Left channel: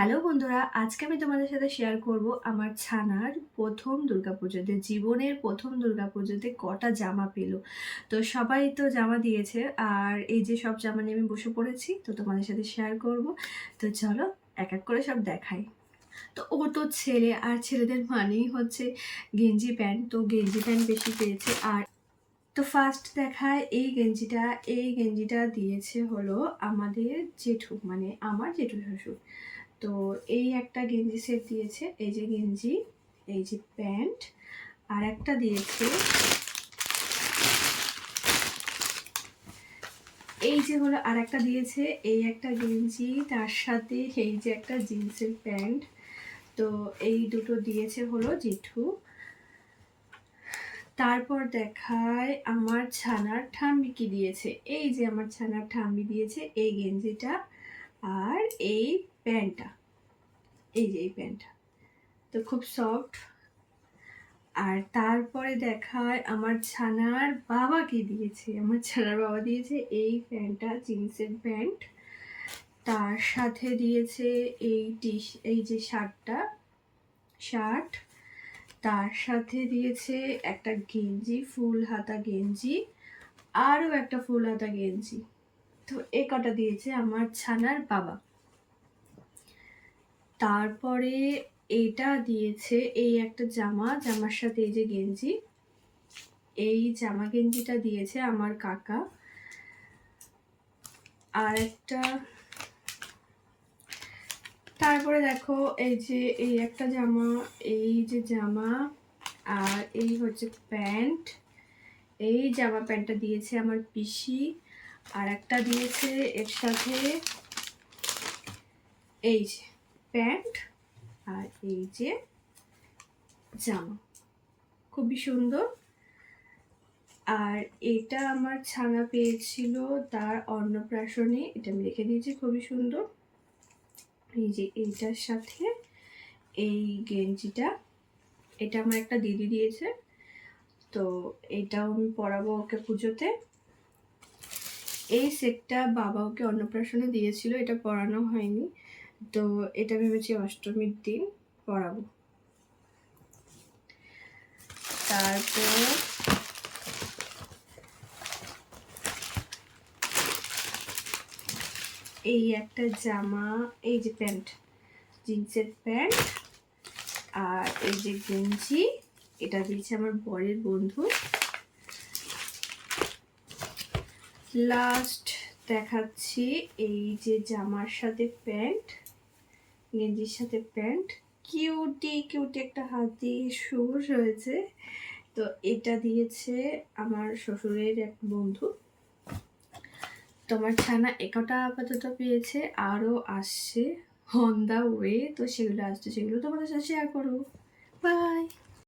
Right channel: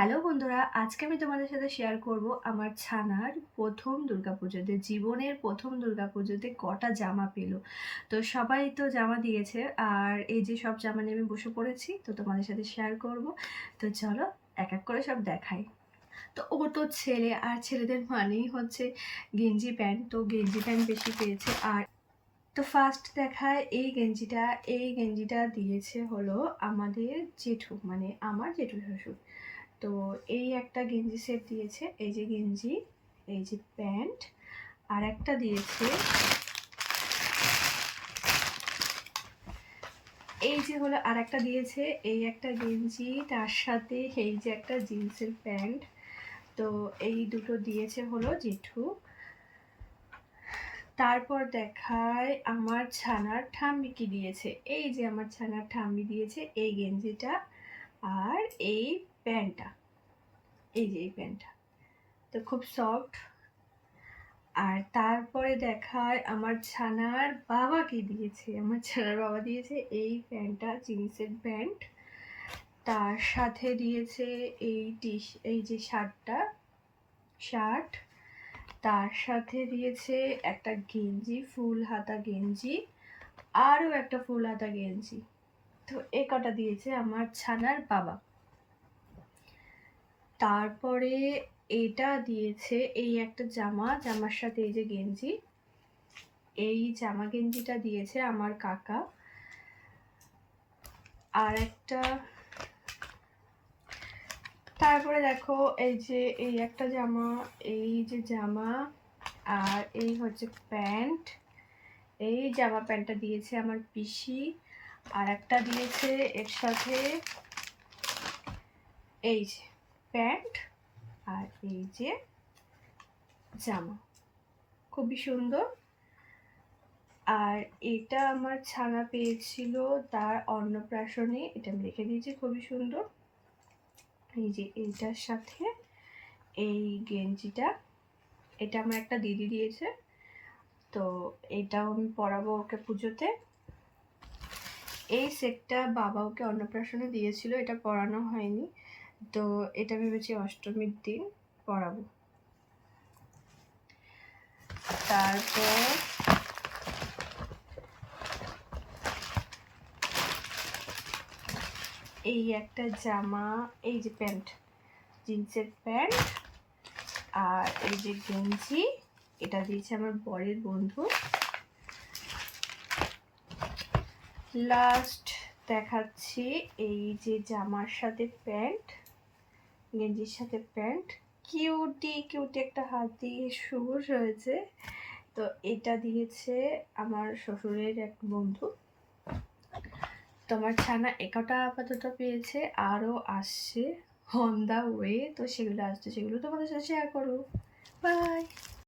Hello বন্ধুরা, আজকে আমি তোমাদের সাথে শেয়ার করব আমার ছানার প্রথম দুর্গাপুজোতে, জীবনের প্রথম দুর্গাপুজোতে কটা জামা পেল। তো সবাই তো জামা দিয়েছে, আর এই যে সব জামা নিয়ে আমি বসে পড়েছি, তো তোমাদের সাথে শেয়ার করব। তো চলো এক এক করে সব দেখাই। তো ও তো ছেলে, আর ছেলেদের মানেই হচ্ছে গেঞ্জি প্যান্ট, তো গেঞ্জি প্যান্ট বেশি পেয়েছে। আর তো ফার্স্ট দেখায় এই গেঞ্জিটা দিয়েছে হলো আমাদের জেঠু, মানে আমার জেঠু শ্বশুর। তো এই একটা গেঞ্জি সেট দিয়েছে, এই যে গেঞ্জি, এই যে প্যান্ট, আর একটা দিয়েছে এই যে হলো, আর একটা দিয়েছে এই একটা গেঞ্জি, তার সাথে এই যে একটা জিন্সের প্যান্ট। তো এই দুটো দিয়েছে হলো জেঠু। তারপর দেখায় আমার ছানার ঠাম্মি কি দিয়েছে, এই যে আমার ছানার ঠাম্মি দিয়েছে এই গেঞ্জিটা আর এই প্যান্টটা, এই যে এই প্যান্টটা, তো খুব সফট। আর তারপরে দেখায় আমার ছানার বাবা কি দিয়েছে, আমার ছানার বাবা দিয়েছে এই প্যান্টটা, জিন্সের প্যান্ট, তার সাথে দিয়েছে এই যে শার্ট, তার সাথে দিয়েছে একটা গেঞ্জি, ফুল হাতা গেঞ্জি, আরও একটা ফুল হাতা গেঞ্জি। তো এ কটা দিয়েছে আমার ছানার বাবা। তারপরে এটা দিয়েছে এই একটা জামার সাথে এই যে গেঞ্জি, এই জামা গেঞ্জিটা দিয়েছে আমার কাকা। আর একটা, তারপরে দেখো এই যে এই একটা জামা, এই যে জামা, আর এই হচ্ছে প্যান্ট, এই জামা প্যান্টটা দিয়েছে আমার পিসি। আর একটা দিয়েছে এর সাথে এই যে প্যান্ট আর এই যে জামা, খুবই সুন্দর। আর এটা আমার ছানা পেয়েছিল তার অন্নপ্রাশনে, এটা আমি রেখে দিয়েছি, খুবই সুন্দর। এই যে এইটার সাথে এই গেঞ্জিটা, এটা আমার একটা দিদি দিয়েছে, তো এটাও আমি পরাবো ওকে পুজোতে। এই সেটটা বাবা ওকে অন্নপ্রাশনে দিয়েছিল, এটা পরানো হয়নি, তো এটা ভেবেছি অষ্টমীর দিন পরাবো। তারপর এই একটা জামা, এই যে প্যান্ট, জিন্সের প্যান্ট, আর এই যে গেঞ্জি, এটা দিয়েছে আমার বরের বন্ধু। লাস্ট দেখাচ্ছি এই যে জামার সাথে প্যান্ট, গেঞ্জির সাথে প্যান্ট, কিউটি কিউটি একটা হাতি সুর রয়েছে, তো এটা দিয়েছে আমার শ্বশুরের এক বন্ধু। তোমার ছানা একটা আপাতত পেয়েছে, আরও আসছে অন দা ওয়ে, তো সেগুলো আসছে, সেগুলো তোমাদের সাথে শেয়ার করবো। বাই।